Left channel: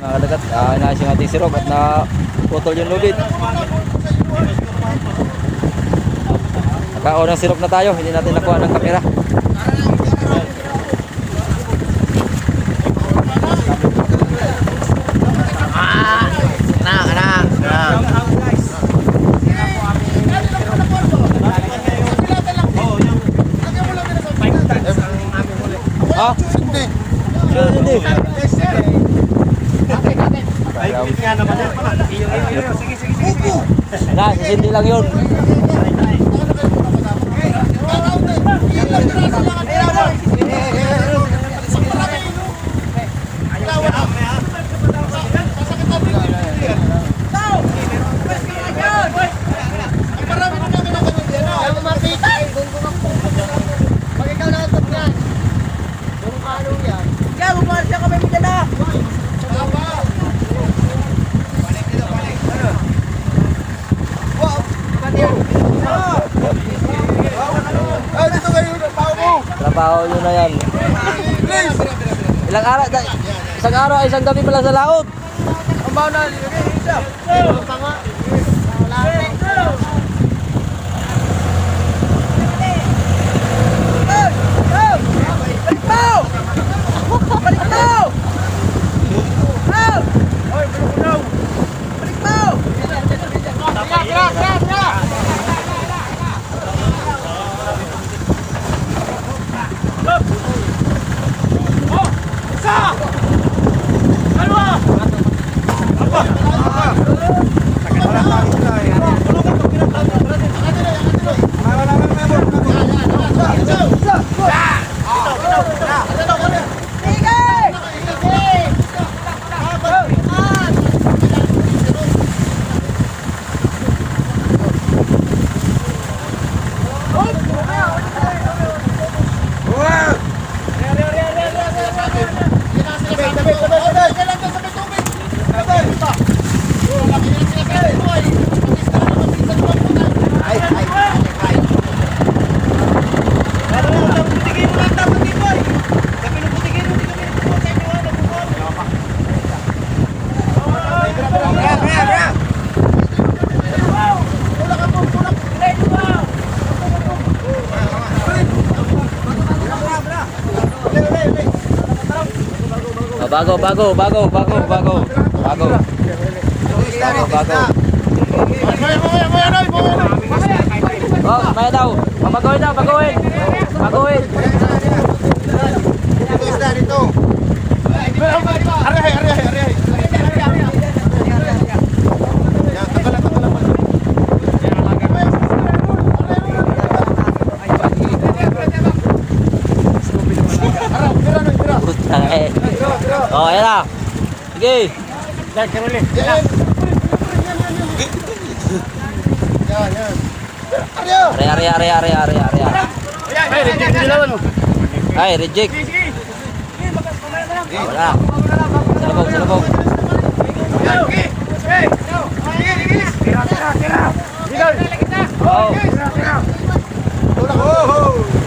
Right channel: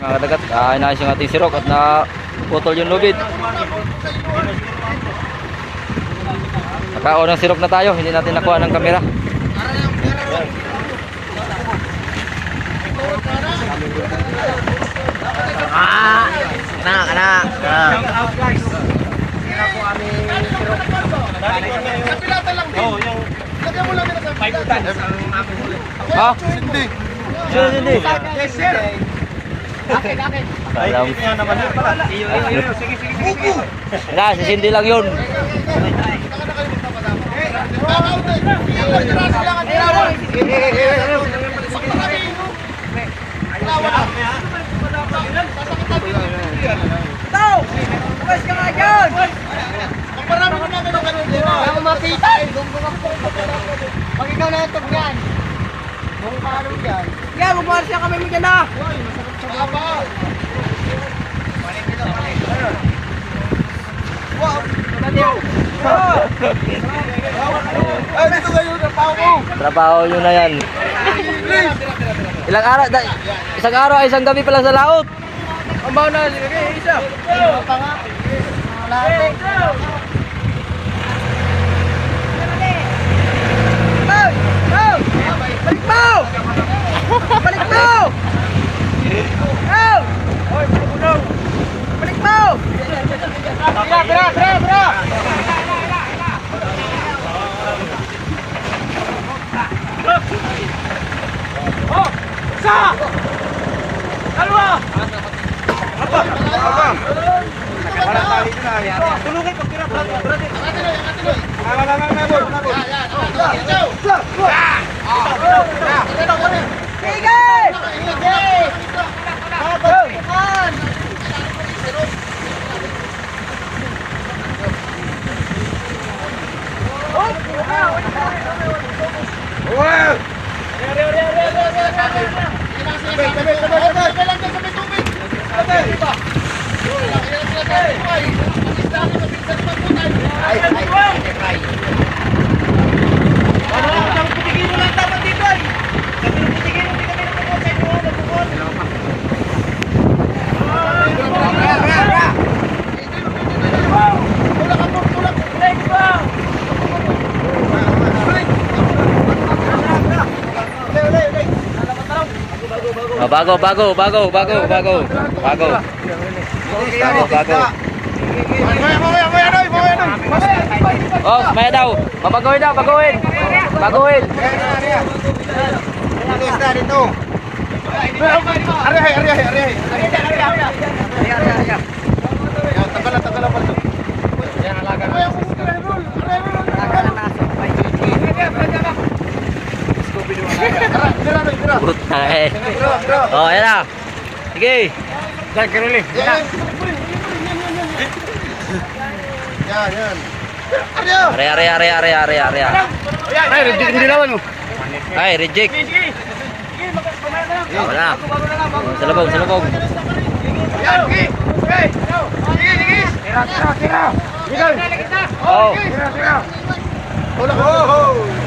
Mga kadagat, ah, inayos yung ating sirok at na putol yung lubid. Nakaon ng sirok na tayo, hindi natin nakuha ng kamera. Kana, kana. Ha? Hindi. Hindi, hindi. Alam. Na, si Cindy lang yun. Yan, bumuha siya kami mo dyan na. Ay, dito kayo na pao mo. Trabaho nyo na yan. Ilang araw, da, isang araw, isang gabi pala sa laot. Ang bao na. Isa. Sabay, sabay, sabay, sabay! Sabay, sabay, sabay! Sabay! Sabay! Oh, bago, bago, bago, bago, bago, bago. Bago, bago. Oh, maya daw. Mabagoy daw, baguhin. Baguhin. Ari, ari, ari, ari. Yan, tagal na, tagal na pala. Burut na eh. Oh, ayan na. Sige. Yan, yan. Yan, yan. Ari, oh. Are, are, are, are, are, are. Ay, reject din naman, oh. Ay, reject. Wala. Salubog, salubog. Tira, tira, tira. Oh. Tira, tira. Oh, Tira, tira, tira.